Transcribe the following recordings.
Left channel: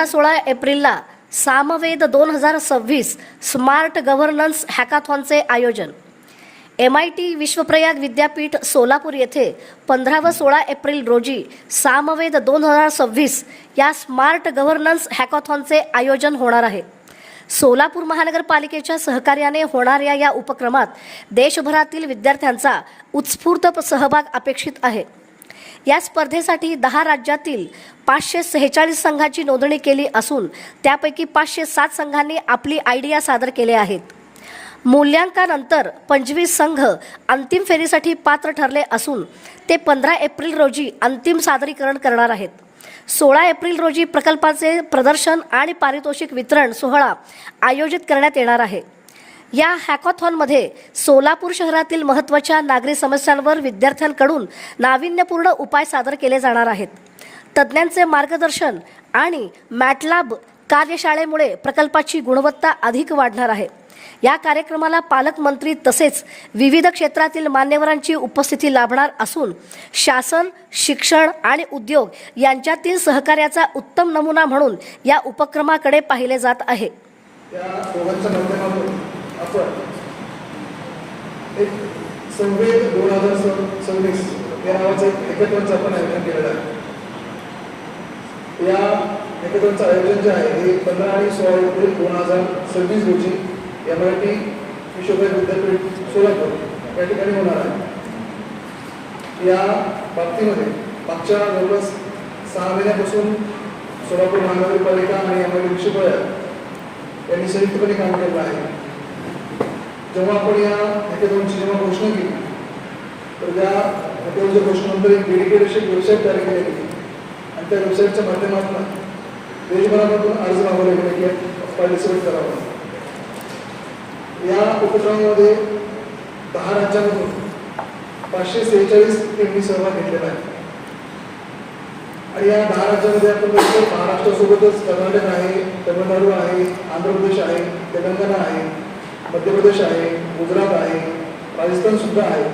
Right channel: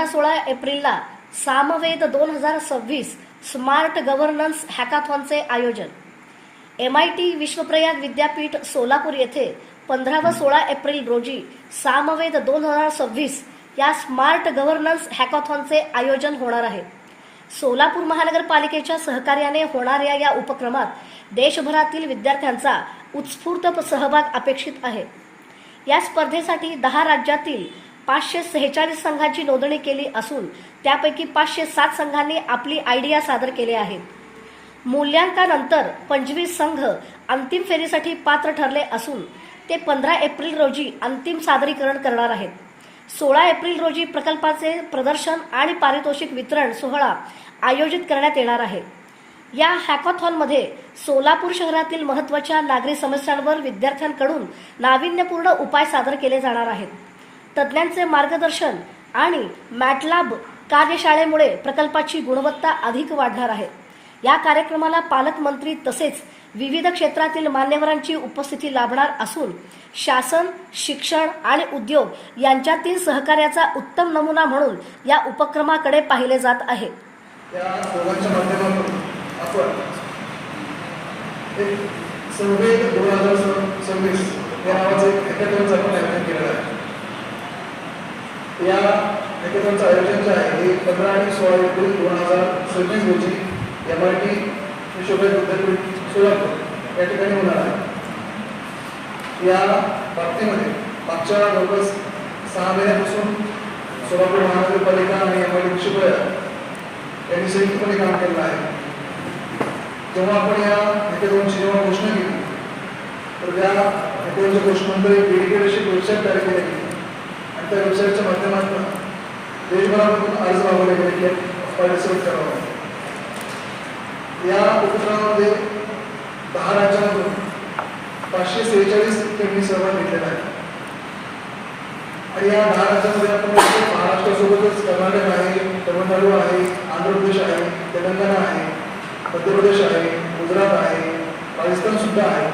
15-16 एप्रिलला Samaveda 2026 smart governance हॅकाथॉनचे आयोजन. MIT विश्वप्रयाग विद्यापीठ सोलापूर येथे 15 व 16 एप्रिल रोजी सामवेद 2026 या स्मार्ट गव्हर्नन्स हॅकाथॉनचे आयोजन होणार आहे. सोलापूर महानगरपालिकेच्या सहकार्याने होणाऱ्या या उपक्रमात देशभरातील विद्यार्थ्यांचा उत्स्फूर्त सहभाग अपेक्षित आहे. या स्पर्धेसाठी 10 राज्यातील 546 संघांची नोंदणी केली असून त्यापैकी 507 संघांनी आपली आयडिया सादर केले आहेत. मूल्यांकनानंतर 25 संघ अंतिम फेरीसाठी पात्र ठरले असून ते 15 एप्रिल रोजी अंतिम सादरीकरण करणार आहेत. 16 एप्रिल रोजी प्रकल्पाचे प्रदर्शन आणि पारितोषिक वितरण सोहळा आयोजित करण्यात येणार आहे. या हॅकाथॉनमध्ये सोलापूर शहरातील महत्त्वाच्या नागरी समस्यांवर विद्यार्थ्यांकडून नाविन्यपूर्ण उपाय सादर केले जाणार आहेत. तज्ज्ञांचे मार्गदर्शन आणि मॅटलॅब कार्यशाळेमुळे प्रकल्पाची गुणवत्ता अधिक वाढणार आहे. या कार्यक्रमाला पालकमंत्री तसेच विविध क्षेत्रातील मान्यवरांची उपस्थिती लाभणार असून शासन, शिक्षण आणि उद्योग यांच्यातील सहकार्याचा उत्तम नमुना म्हणून या उपक्रमाकडे पाहिले जात आहे. या दोघांच्या माध्यमातून आपण एक संवेद 2026 या नावाचं एक हॅकेथॉनचं आपण आयोजन केलेलं आहे. या हॅकेथॉनचं आयोजन जे आहे हे 15 आणि 16 एप्रिल 2026 रोजी MIT विश्वप्रयाग विद्यापीठ सोलापूर या ठिकाणी होणार आहे. या बाबतीमध्ये मागच्या जवळपास 6 महिन्यापासून सोलापूर महानगरपालिका आणि MIT विश्वप्रयाग यांनी संयुक्तपणे काम केलं आहे. जेव्हा आपण या हॅकेथॉनची घोषणा केली तर त्या हॅकेथॉनच्या घोषणेनंतर एक डेडिकेटेड अशी वेबसाईट तयार केली गेली आणि त्या वेबसाईटच्या माध्यमातून देशभरामधून अर्ज मागवले गेले की यात पार्टिसिपेट करावं. या उपक्रमामध्ये 10 राज्यांमधून 546 टीमनी सहभाग घेतलेला आहे. आणि या 10 राज्यांमध्ये आपण महाराष्ट्रासोबतच कर्नाटक आहे, तमिळनाडू आहे, आंध्र प्रदेश आहे, तेलंगणा आहे, मध्य प्रदेश आहे, गुजरात आहे, राजस्थान सुद्धा आहे.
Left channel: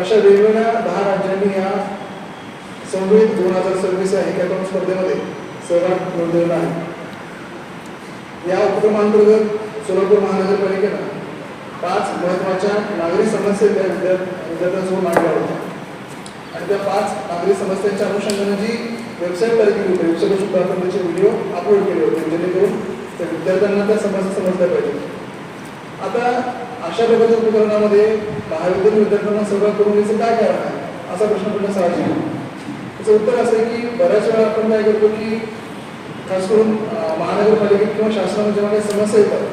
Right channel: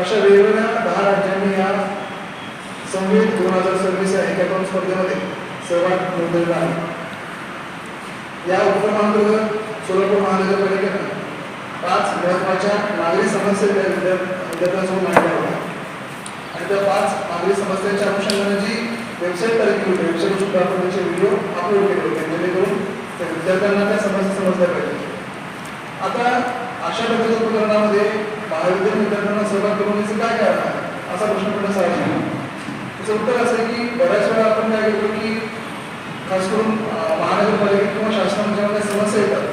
अशा वेगवेगळ्या 10 राज्यांनी या संवेद 2026 या हॅकेथॉन स्पर्धेमध्ये सहभाग नोंदवलेला आहे. या उपक्रमांतर्गत सोलापूर महानगरपालिकेनं 5 महत्त्वाच्या नागरी समस्या विद्यार्थ्यांसमोर मांडल्या होत्या आणि त्या 5 नागरी समस्यांच्या अनुषंगाने जी वेबसाईट तयार केली होती, वेबसाईटवर सुद्धा आपण त्याचे व्हिडिओ अपलोड केले होते जेणेकरून त्या विद्यार्थ्यांना त्या समस्या समजल्या पाहिजे. आता अशा प्रकारच्या उपक्रमामध्ये महाविद्यालयीन विद्यार्थ्यांना सहभाग करून याचं काय कारण आहे असा प्रश्न पडला साहजिक आहे. त्याचं उत्तर असं आहे की बऱ्याच वेळा आपण काय करतो की खास करून महानगरपालिकेत किंवा शासनाने जेव्हा काही समस्या येतात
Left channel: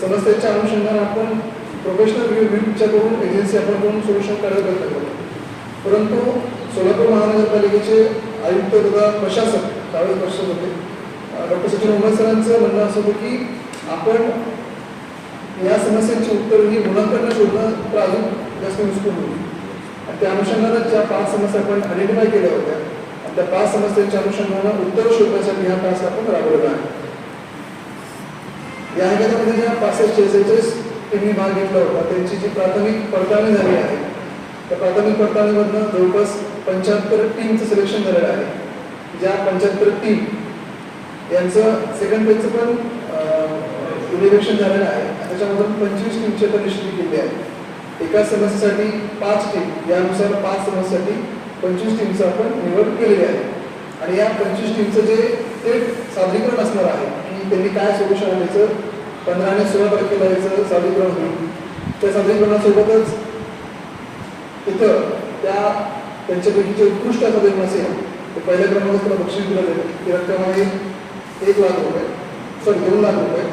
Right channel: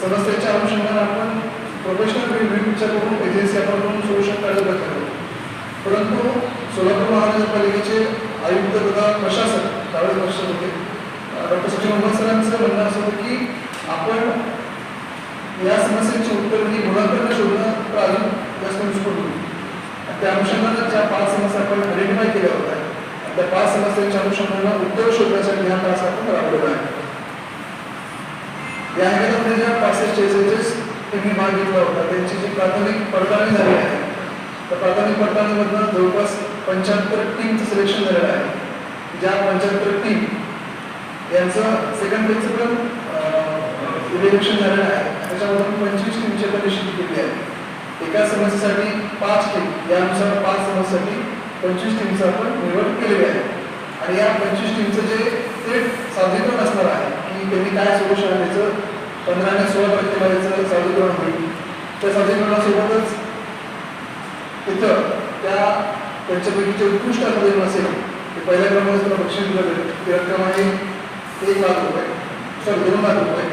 समस्येच्या अनुषंगाने आपण प्रोफेशनल विचारून एजन्सी आपण करून सोल्युशन काढायला प्रयत्न करतो. परंतु सोलापूर महानगरपालिकेचे आयुक्त तथा प्रशासक त्यावेळेस प्रशासक होते डॉक्टर सचिन मोहम्मद सरांचं म्हणणं असं होतं की आपण या समस्यांची उत्तर ही गुणांकरणे शोधणं तर अजून जास्त युजफुल होती. त्या अनुषंगाने ज्या 5 समस्या आपण आयडेंटिफाय केल्या होत्या आणि त्या 5 समस्यांच्या अनुषंगाने उत्तर शोधण्यासाठी हा तास आपण राबवलेला आहे. या हॅकेथॉनमध्ये ज्या 546 टीमनी भाग घेतला होता त्यांची जी प्राथमिक पडताळणी झाली आहे त्या प्राथमिक पडताळणीमधनं जवळपास 75 टीमचं सिलेक्शन झालेलं आहे. ज्या 75 टीम यांचं सेकंड फेजचं पण इव्हॅल्युएशन झालेलं आहे. त्याच्यामधून 25 टीमची आता निश्चित केली आहे. एका समस्येसाठी 5 टीम, यानुसार 5 समस्येसाठी 25 टीमचं आपण निवड केलेली आहे. आणि या 25 टीमचं जे थेट सादरीकरण असणार आहे की त्यांनी काय सोल्युशन आहे त्याचं 15 आणि 16 तारखेला याचं सादरीकरण होईल. त्या सादरीकरणासोबतच तिथं त्यांच्यापैकी जे उत्कृष्ट सादरीकरण असेल ते पहिल्या क्रमांकाला त्याला बक्षीस दिलं जाईल. ती रक्कम आहे 1 लाख रुपये, 2 लाख रुपये.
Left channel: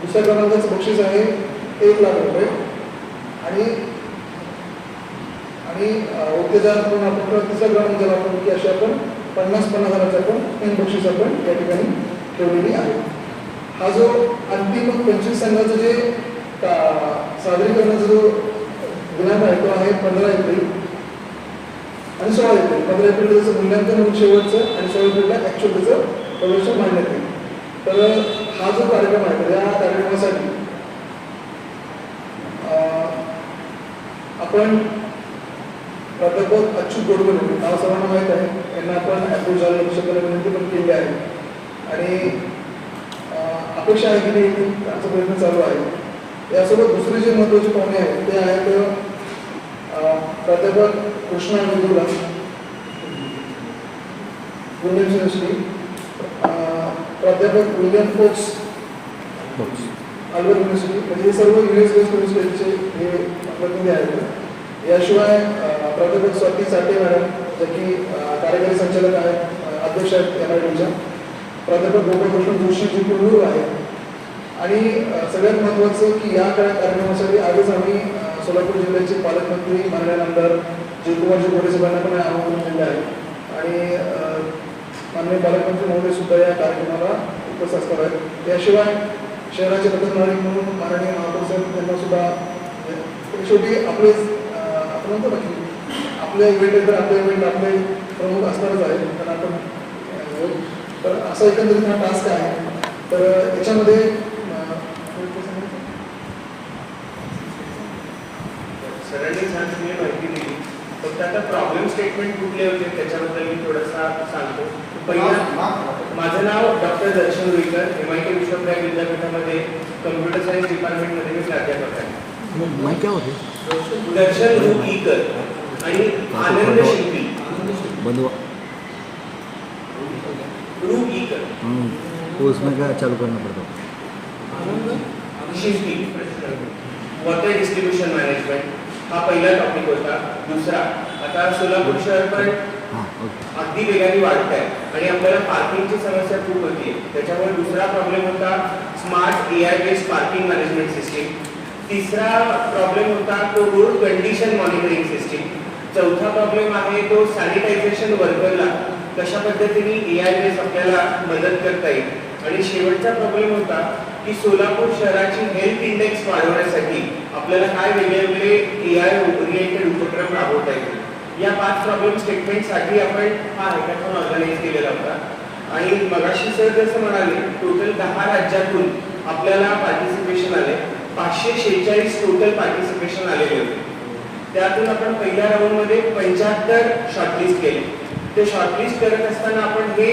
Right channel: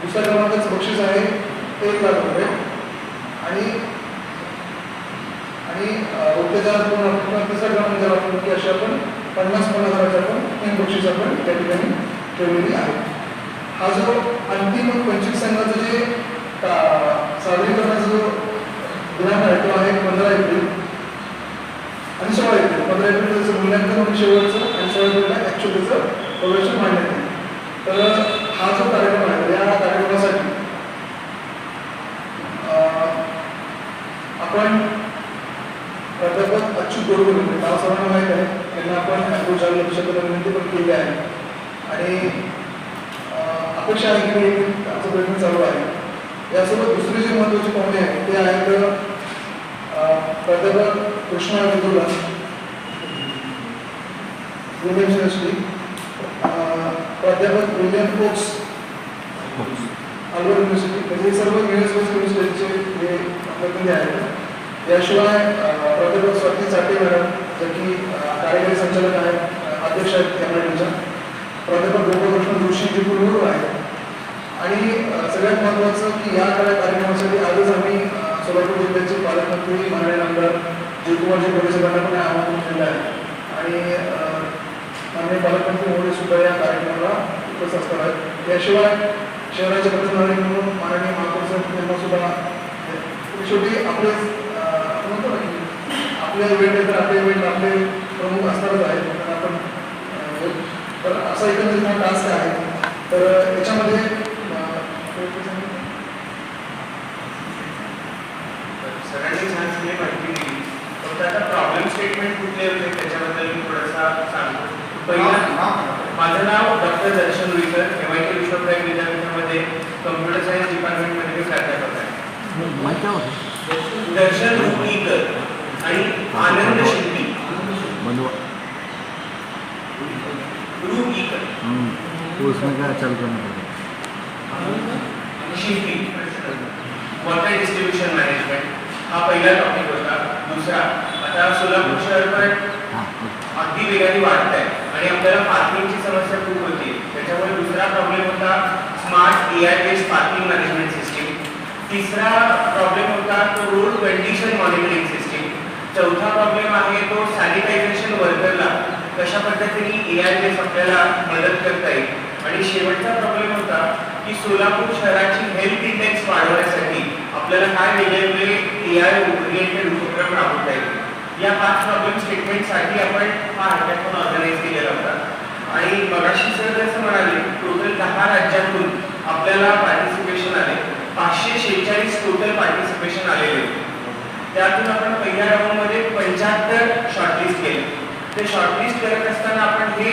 दुसऱ्या क्रमांकाचं बक्षीस आहे 1 लाख रुपये आणि उत्तेजन आपण तिसऱ्या क्रमांकाला आपण की अशी आपण 50,000 आपण 3 बक्षीस आपण या ठिकाणी ठेवलेली आहे. हा जो अंतिम 25 संघाचं जे सादरीकरणाचा जो दिनांक आहे तो आहे 15 एप्रिल आणि 16 एप्रिल. 15 एप्रिल त्याचं मूल्यांकन होईल शेवटचं आणि 16 एप्रिलला ॲक्च्युअल त्याचं प्रदर्शन मांडण्यात येईल. तर हा जो कार्यक्रम आहे या कार्यक्रमासाठी आपण प्राध्यापक अच्युत गोडबोले नाव सर्वांना माहीत आहे, यांना आपण अप्रोच झालं विनंती पण केली आहे आणि अपेक्षा आहे की आमचा प्रयत्न चालू आहे. यासोबत दुसरी जी महत्त्वाची पाहुणे आहेत ते आहेत प्राध्यापक कृष्णा वेदुला पुणे युनिव्हर्सिटी, प्राध्यापक विलियम फोक्स अल्बर्ट युनिव्हर्सिटी, म्हणजे हे सर्व US बेस्ड युनिव्हर्सिटीचे हे प्रतिनिधी आहेत. याशिवाय प्राध्यापक स्वाती चाटे मॅडम ज्या की कार्यकारी संचालक आहेत, अध्यक्ष आहेत MITच्या, प्राध्यापक गोपालकृष्ण जोशी जे कुलगुरू आहेत. आणि सगळ्यात महत्त्वाचं की या कार्यक्रमासाठी आजच आम्ही सोलापूर जिल्ह्याचे पालकमंत्री माननीय आमदार जयकुमारजी गोरे साहेबांना पण आमंत्रण दिलं आहे. आणि माननीय पालकमंत्री महोदय सुद्धा या कार्यक्रमाला उपस्थित असणार आहेत. याशिवाय शहराचे पथनायक म्हणून माननीय महापौर साहेब यांना सुद्धा शेवटी आपले आपण म्हणतो ना की आपले इव्हेंट तर आपले इव्हेंट आपले प्रमुख असणारच आहेत. तर आपण तर असा एकंदरीत हा टास्क आहे. तर याच्यामध्ये सरांनी छान सगळी माहिती दिली. फक्त आता प्रॉब्लेम स्टेटमेंट कुठले होते त्याच्याबद्दल मी थोडासा सांगतो. पहिला, माझं नाव डॉक्टर दर्शन रुईकर, MIT विश्वप्रयाग विद्यापीठामध्ये कम्प्युटर सायन्स डिपार्टमेंटमध्ये मी प्राध्यापक आहे. दर्शन रुईकर आणि आनंद शिंपी रुईकर शिंपी वॉटर डिस्ट्रीब्युशन मॅनेजमेंट हा पहिला टॉपिक होता. दुसरा, आता सोलापूर शहर पण अगदी वेगाने वाढत आहे आणि आपल्याला पार्किंगची समस्या खूप होती. त्याच्यामुळे दुसरा प्रॉब्लेम होता smart AI based parking management system. तिसरा प्रॉब्लेम होता तो रोड कंडिशन मॉनिटरिंग सिस्टीम. चौथा प्रॉब्लेम आहे तो सॅनिटायझेशन वर्करला कशा पद्धतीने AI बेस्ड आपल्याला मदत करता येईल. आणि शेवटचा प्रॉब्लेम होता की सोलापूर शहराची हेल्थ इंडेक्स वाढवण्यासाठी आपल्याला काय वेगवेगळे AI ओरिएंटेड उपक्रम राबवता येतील. या 5 प्रॉब्लेम स्टेटमेंटसाठी आपण हा हॅकॅथॉन ऑर्गनाईज केलेला होता. आणि मगाशी सर जसं म्हणाले टोटल 10 राज्यातून आपल्याला पार्टिसिपेशन आले. 546 टोटल पार्टिसिपेशन आलेले होते. त्यातून आपण पहिल्या राऊंडमध्ये 75 शॉर्टलिस्ट केले. ते शॉर्टलिस्ट करत असताना आपण हे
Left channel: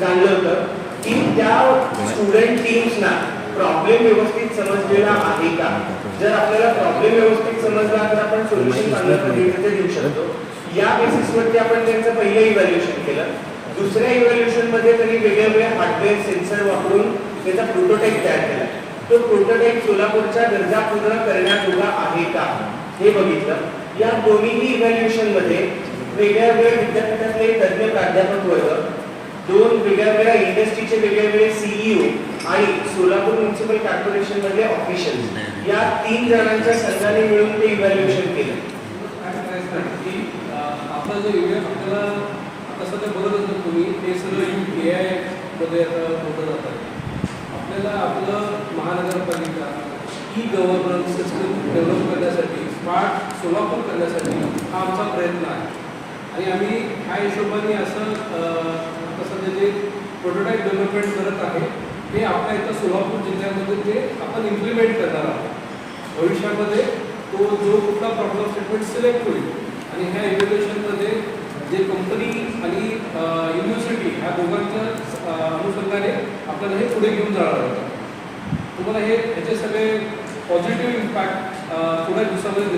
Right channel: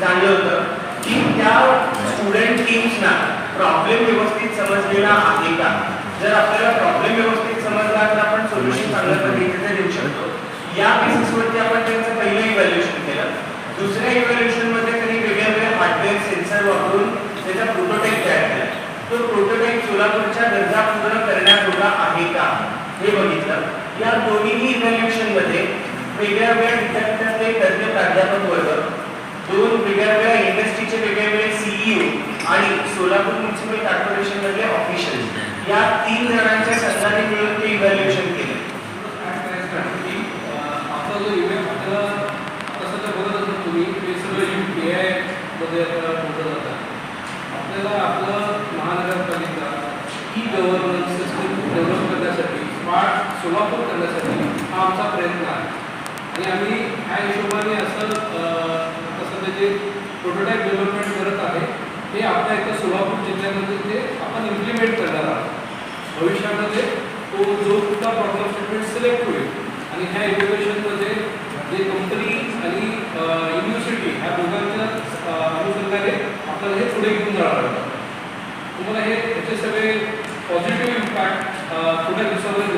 जाणलं होतं की त्या स्टुडंट टीम्सना प्रॉब्लेम व्यवस्थित समजलेला आहे का. जर आपल्याला प्रॉब्लेम व्यवस्थित समजला तर आपण सोल्युशन चांगल्या पद्धतीने देऊ शकतो. या बेसिसवरती आपण त्यांचं पहिलं इव्हॅल्युएशन केलं. दुसऱ्या इव्हॅल्युएशनमध्ये त्यांनी वेगवेगळे हार्डवेअर सेन्सर वापरून त्याचा प्रोटोटाईप तयार केला. तो प्रोटोटाईप सोलापूरच्या गरजा पूर्ण करण्याजोगा आहे का हे बघितलं. या दोन्ही इव्हॅल्युएशनमध्ये वेगळ्या वेगळ्या विद्यापीठातले तज्ञ प्राध्यापक वर्ग, 2 वेगवेगळ्या इंडस्ट्रीचे वेगवेगळे CEO आणि सोलापूर म्युनिसिपल कॉर्पोरेशन मधले ऑफिशियल्स या 3 जणांच्या संघाने मिळून ते इव्हॅल्युएशन केलं. आपला जो इव्हेंट आपल्याला तसं तर बघत असतो तुम्ही हे सगळं AI मध्ये आता मोठं जातं. आपल्याला आपलं महानगरपालिका गव्हर्नन्स सिस्टम डेव्हलप करण्यासाठी स्मार्ट सोलापूर करण्यासाठी हा आमचा प्रयत्न आहे. आणि आम्ही ह्या हिशोबाने असं कसं त्याचे प्रोटोटाईप डेव्हलपमेंट करत आहे. ते आपल्या इथं सोलापूर जिल्ह्यामध्ये ते आपण इम्प्लिमेंट करणार आहोत. भविष्यामध्ये तो जो कुठला प्रॉब्लेम स्टेटमेंट सिलेक्ट होईल आणि ह्या इव्हॅल्युएशनमध्ये जे कंपनी आणि युनिव्हर्सिटी ह्या दोघांच्या अनुषंगाने आपल्याला हे पुढे घेऊन जाणार होतं. तुम्हाला हे याचे सगळे पॉझिटिव्ह इम्पॅक्ट थोड्या दिवसामध्ये